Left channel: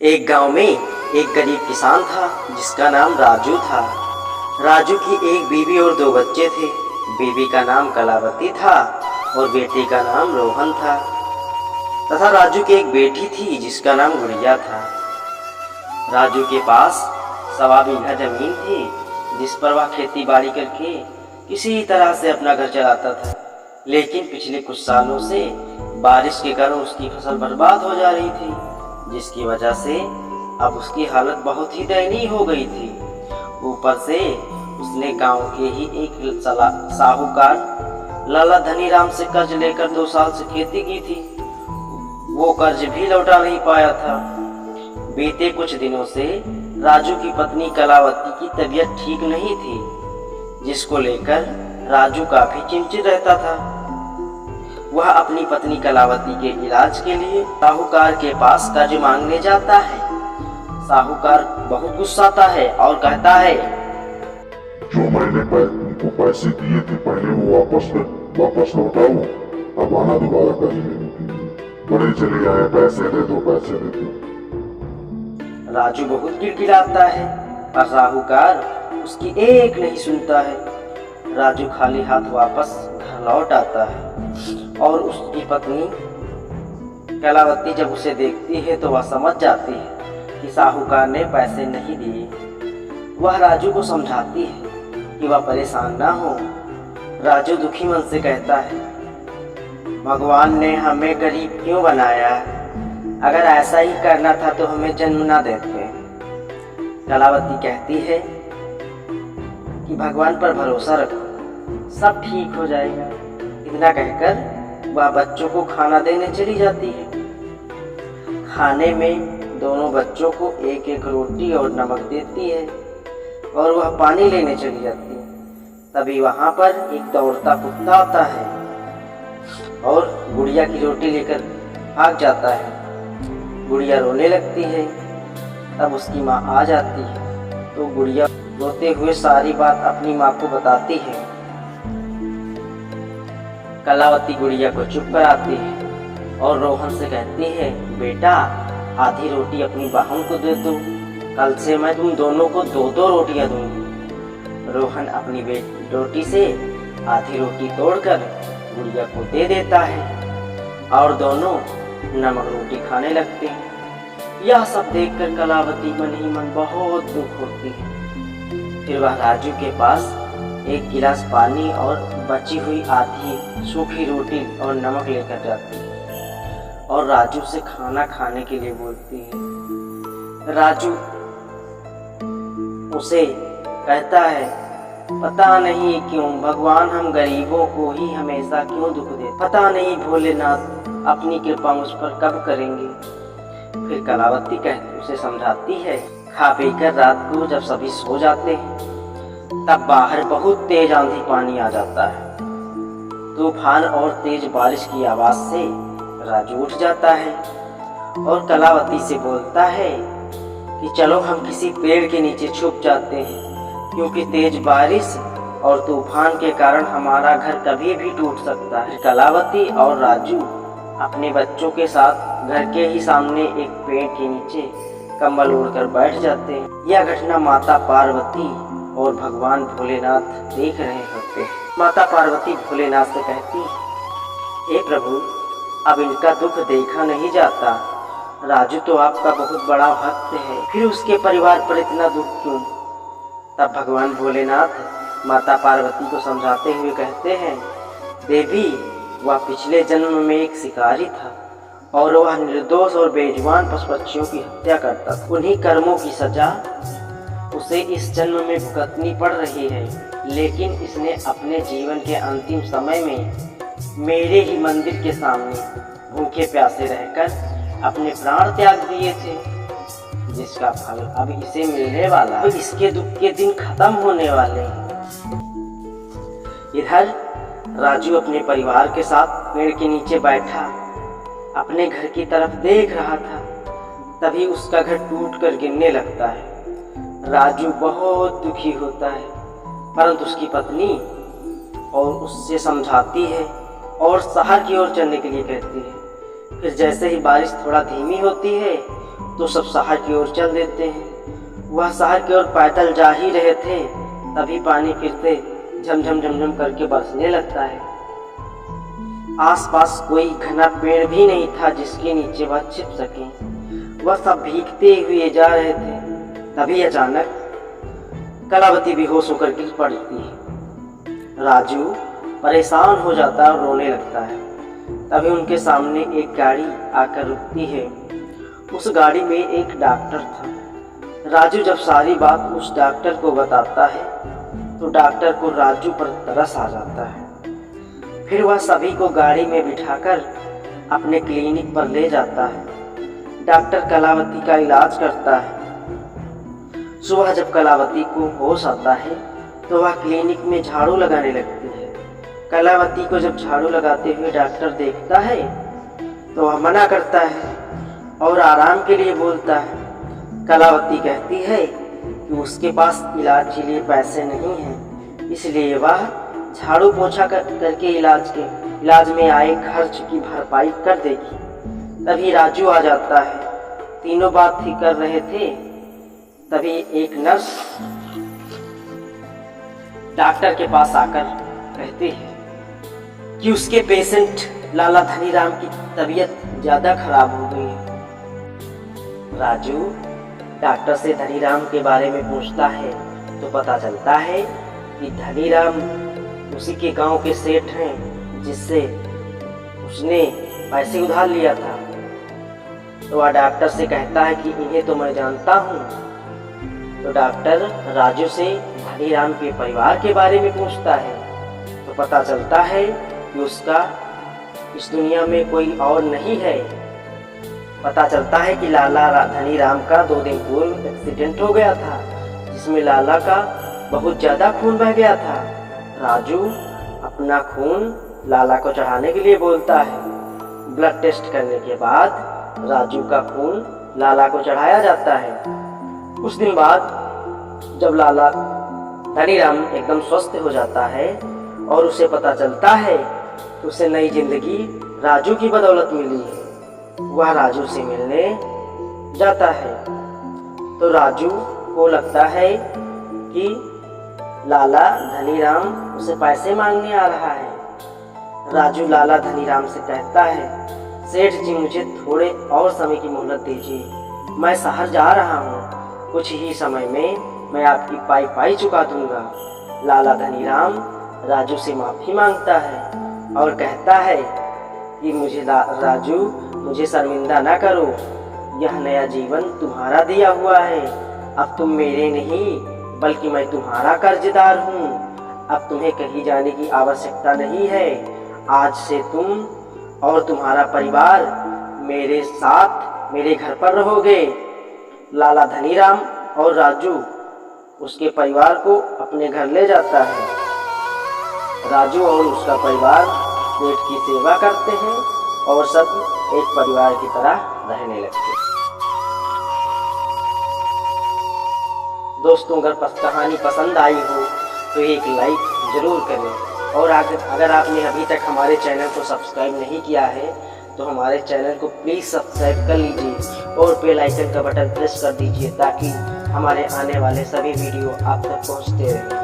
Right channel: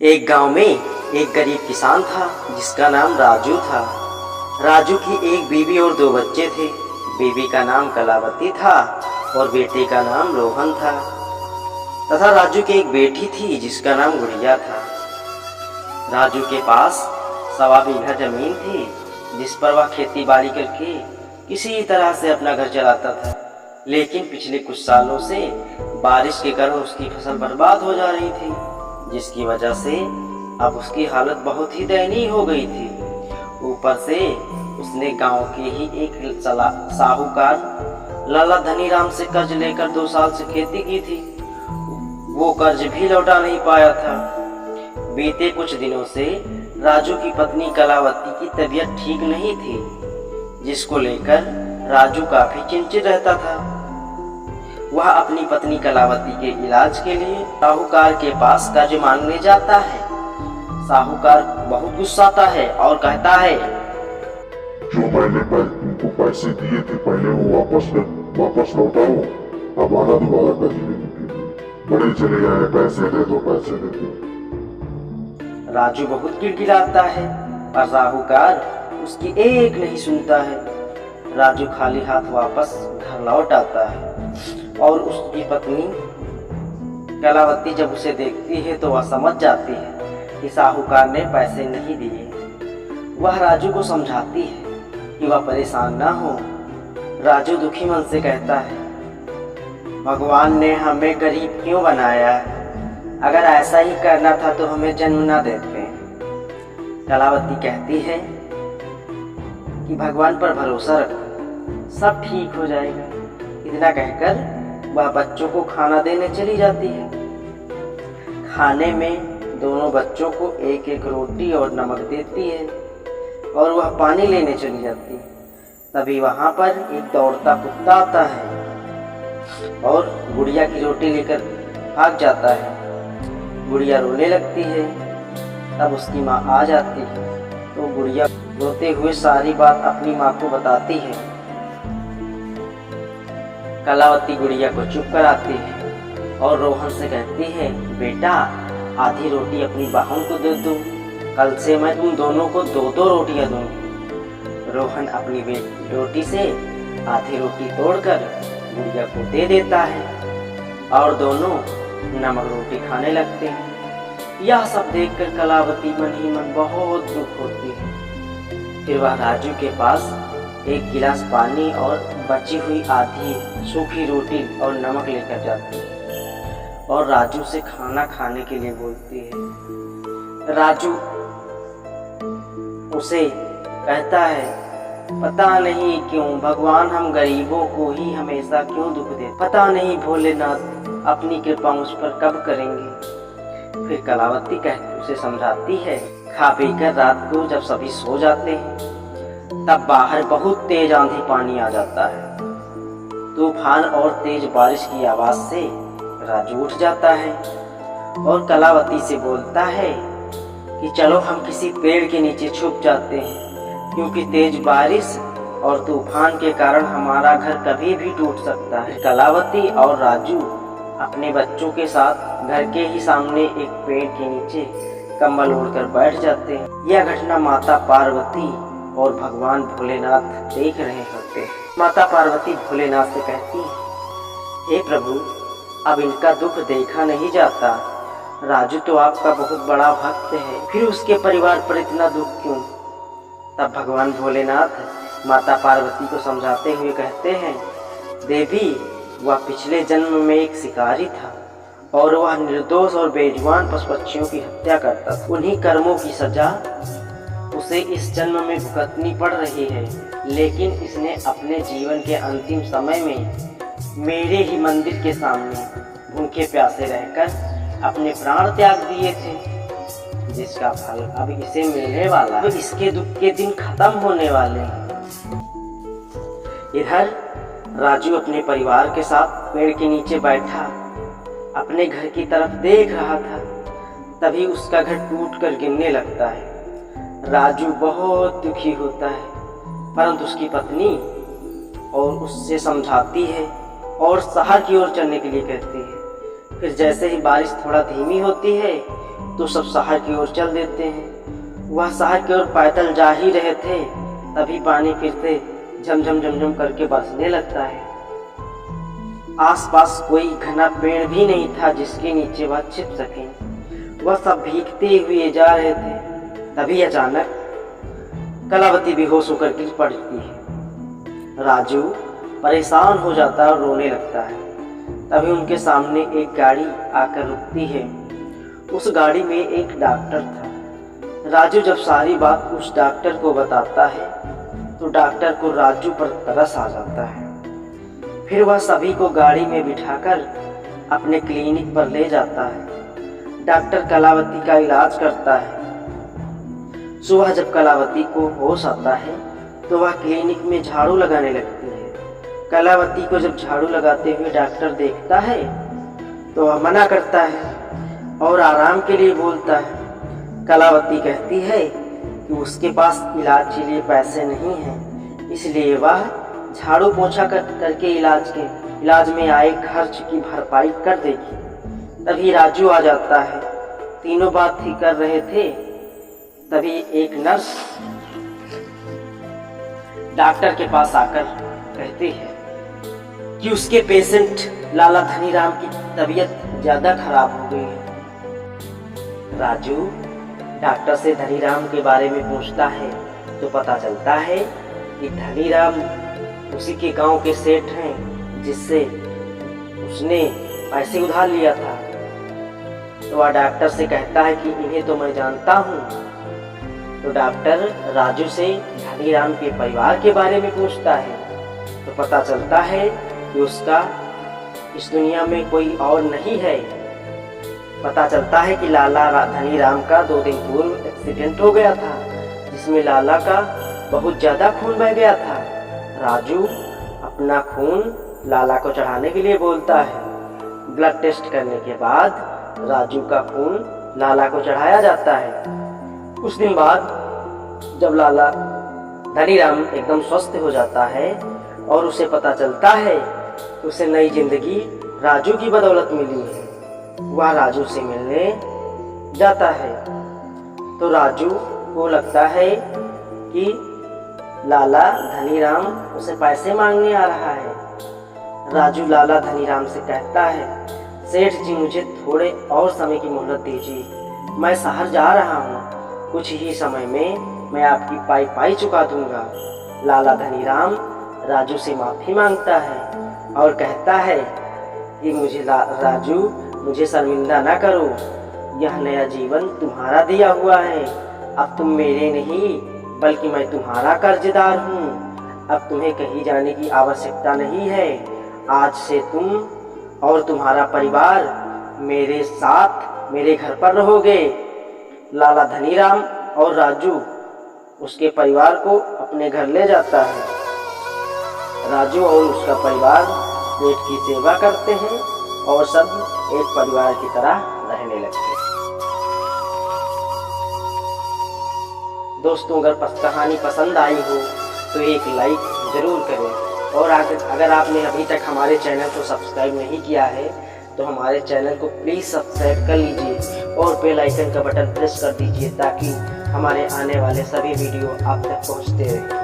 एक गांव में एक गरीब किसान था जिसका नाम राजू था। राजू की एक बीवी और दो बच्चे थे। बीवी का नाम कलावती था और बेटे का नाम रोहन था तथा राजू की एक बेटी थी जिसका नाम गुड़िया था। राजू के पास 1.25 बीघा जमीन थी जिस पर वह खेती बाड़ी करके किसी तरह से अपना घर चलाता था। लेकिन पिछले कुछ सालों से बारिश के कारण उसकी फसल बर्बाद हो जा रही थी, जिसकी वजह से अब उसकी हालत बहुत ही दयनीय हो गई थी। ऊपर से उसने गांव के ही एक साहूकार लाला धनीराम से कर्ज लेकर 2 साल से खेती की थी। वो कर्ज भी लौटा नहीं पाया था। बीते कुछ दिनों से राजू की पत्नी कलावती की तबीयत ठीक नहीं थी, जिसको लेकर राजू काफी चिंतित रहता था। वह अपनी पत्नी कलावती के इलाज के लिए साहूकार के पास कर्ज मांगने जाता है। साहूकार बहुत गुस्साता है और कहता है, जो मैंने तुमको पैसे दिए थे पहले वो वापस लौटाओ, अब आना दोबारा कर्ज लेने के लिए। बड़े चले आए, पैसे दे दो, पैसे दे दो। राजू बहुत गिड़गिड़ाता है पर साहूकार उसकी एक नहीं सुनता है। राजू खाली हाथ वापस घर लौट आता है और उसकी पत्नी कलावती जब उसे देखती है तो वह समझ जाती है कि साहूकार ने पैसे नहीं दिए। वह राजू को समझाती है कि वह परेशान ना हो। राजू दुखी मन से कहता है, भगवान ने हमें गरीब क्यों बनाया? अगर ऐसा ही करना था तो हमें जन्म ना देते। कलावती कहती है कि भगवान पर भरोसा रखो, सब ठीक हो जाएगा। इतना कहकर वह बच्चों को खाना देने चली जाती है। खाने में दोनों बच्चों को एक एक रोटी और नमक देती है और वह पानी लेने चली जाती है। तभी वहाँ पर एक दौड़ता कुत्ता आता है और गुड़िया की रोटी लेकर भाग जाता है। गुड़िया रोने लगती है। तब उसकी माँ आ जाती है तो गुड़िया रोते हुए सारी बात अपनी माँ को बताती है। कलावती गुड़िया को चुप कराती है और रोहन से कहती है, बेटा आधी रोटी अपनी बहन को दे दो, कल से मैं तुम दोनों को 2-2 रोटियां दूंगी। रोहन अपनी रोटी से आधी रोटी तोड़कर गुड़िया को दे देता है और दोनों नमक रोटी खाने लगते हैं। यह सब देखकर कलावती मन ही मन बहुत दुख होती है। फिर वह राजू के पास 1 गिलास पानी और बची हुई आधी सूखी रोटी और नमक लेकर जाती है और राजू से खाना खाने के लिए बोलती है। राजू उसे कहता है, पता नहीं क्यों भगवान हम गरीबों को ही हमेशा क्यों दुख दे, पता नहीं भोलेनाथ अपनी कृपा मुझ पर कब करेंगे। फिर कलावती उसे समझाती है। खा पीकर रात को जब सभी सो जाते हैं तब बाहर बहुत तेज आंधी पानी आ जाता है। तूफान और तेज बारिश की आवाज से राजू उठ जाता है और कलावती से बोलता है कि चलो हम किसी पेड़ के नीचे छुप जाते हैं, क्योंकि तेज बारिश और तूफान के कारण हमारा घर कभी भी टूट सकता है। कलावती और राजू अपने बच्चों के साथ घर के ही सामने एक पेड़ के नीचे कंबल ओढ़कर बैठ जाते हैं। यह घटना माता पार्वती और भगवान भोलेनाथ देख रहे होते हैं। माता पार्वती भोलेनाथ से कहती है, हे प्रभु अब इनका दुख देखा नहीं जाता। राजू तो आपका बहुत बड़ा भक्त है, फिर उसके परिवार पर इतना दुख क्यों? तब भगवान भोलेनाथ माता पार्वती को समझाते हुए कहते हैं, देवी वह पिछले जन्म में एक शिकारी था और वह निर्दोष और बेजुबान पशु पक्षियों की हत्या करता था। उन्हीं कर्मों की सजा उसे इस जन्म में भुगतनी पड़ रही है, लेकिन इसने अपने जीवन के अंतिम समय में मेरे ही मंदिर के सामने भूखे प्यासे रहकर अपने प्राण त्याग दिए थे, जिसका फल अब इसे मिलने वाला। अब इसके दुख के दिन खत्म होने वाले हैं। इधर राजू अपने परिवार के साथ पेड़ के नीचे बैठा अपने घर की तरफ देख रहा था। तभी उसका घर टूटकर गिरने लगता है। राजू बहुत दुखी होता है, परंतु उसकी पत्नी और उससे समझाती है और शहर की ओर चलने के लिए कहती है। फिर जैसे ही बारिश थोड़ा धीमी होती है तो सब शहर की ओर चल देते हैं। वह शहर की ओर पैदल जा ही रहे थे, तभी पानी फिर से झमझम झमझम करके बरसने लगता है। आसपास कोई घना पेड़ भी नहीं था जिसके नीचे वह छिप सके। वह सब भीगते हुए जा रहे थे, तभी अचानक कलावती बेहोश होकर गिर पड़ती है। राजू परेशान हो जाता है और रोने लगता है। तभी उनके सामने एक गाड़ी आकर रुकती है। उस गाड़ी में एक डॉक्टर था। राजू जब सारी बात उस डॉक्टर को बताता है तो डॉक्टर को राजू पर तरस आ जाता है। फिर वह सभी को गाड़ी में बिठाकर अपने क्लिनिक पर ले जाता है। डॉक्टर कलावती का इलाज करता है। सुबह जब कलावती को होश आता है तो वह क्लिनिक में झाड़ू लगाने लगती है। कलावती को जब झाड़ू लगाते हुए डॉक्टर देखता है तो वह मना करता है और आराम के लिए बोलता है। कलावती कहती है कि उसके पास इलाज के लिए पैसे नहीं हैं, इसलिए वह झाड़ू पोछा करके इलाज में आए खर्च की भरपाई कर देगी। तभी राजू आ जाता है। तीनों बात ही कर रहे थे, तभी एक नर्स डॉक्टर के पास आकर कहती है कि उसके पेशेंट लाला धनीराम की तबीयत ज़्यादा खराब हो गई है। राजू डॉक्टर से धनीराम के बारे में पूछता है तो पता चलता है कि धनीराम उसी के गांव के सेठ हैं जिससे उसने पैसे उधार लिया था। तो वह डॉक्टर से कहता है कि इन्हें तो मैं जानता हूँ। तो डॉक्टर राजू से धनीराम के परिवार के बारे में पूछता है तो पता चलता है कि उसका इस दुनिया में कोई और नहीं है। पता चलता है कि लाला धनीराम का 2 दिन पूर्व एक्सीडेंट हो गया था जिसमें लाला का बहुत ज़्यादा खून बह गया था। राजू अपना खून लाला को चढ़ाने के लिए बोलता है। ब्लड टेस्ट करने के बाद राजू का खून लाला को चढ़ाया जाता है। कुछ दिन बाद जब लाला धनीराम एकदम स्वस्थ हो जाता है और उसे पता चलता है तो उसे नई जिंदगी राजू की बदौलत मिली है। वह राजू से मिलने जाता है तो राजू को लगता है कि लाला धनीराम उसे पैसे मांगने आ रहा है। राजू लाला धनीराम से कहता है, सेठ जी मुझे थोड़े और समय की मोहलत दीजिए, मैं शहर जा रहा हूँ, कुछ ही समय में मैं आपकी पाई चुका दूंगा। लाला धनीराम राजू से माफ़ी मांगता है और कहता है कि राजू मुझे शर्मिंदा ना करो, यह नया जीवन तुम्हारा दिया हुआ है। अब तुम मेरे नहीं बल्कि मैं तुम्हारा कर्जदार हूँ। अब तुम्हें कहीं जाने की आवश्यकता नहीं है। आज से तुम और तुम्हारा परिवार मेरे साथ मेरे घर पर रहोगे। लाला धनीराम और राजू उसके परिवार को अपने घर ले जाता है। राजू और उसका परिवार पेट की सेवा करते हैं और सब एक परिवार की तरह रहने लगते हैं। दोस्तों, अगर कहानी पसंद आई हो तो एक लाइक ज़रूर करें और अगर आपने अभी तक हमारे चैनल को सब्सक्राइब नहीं किया है तो हमारे चैनल को प्लीज़ सब्सक्राइब कर लीजिए और बेल आइकन का बटन प्रेस कर दीजिए ताकि हमारे आने वाले सभी वीडियो आप तक पहुंचते रहें।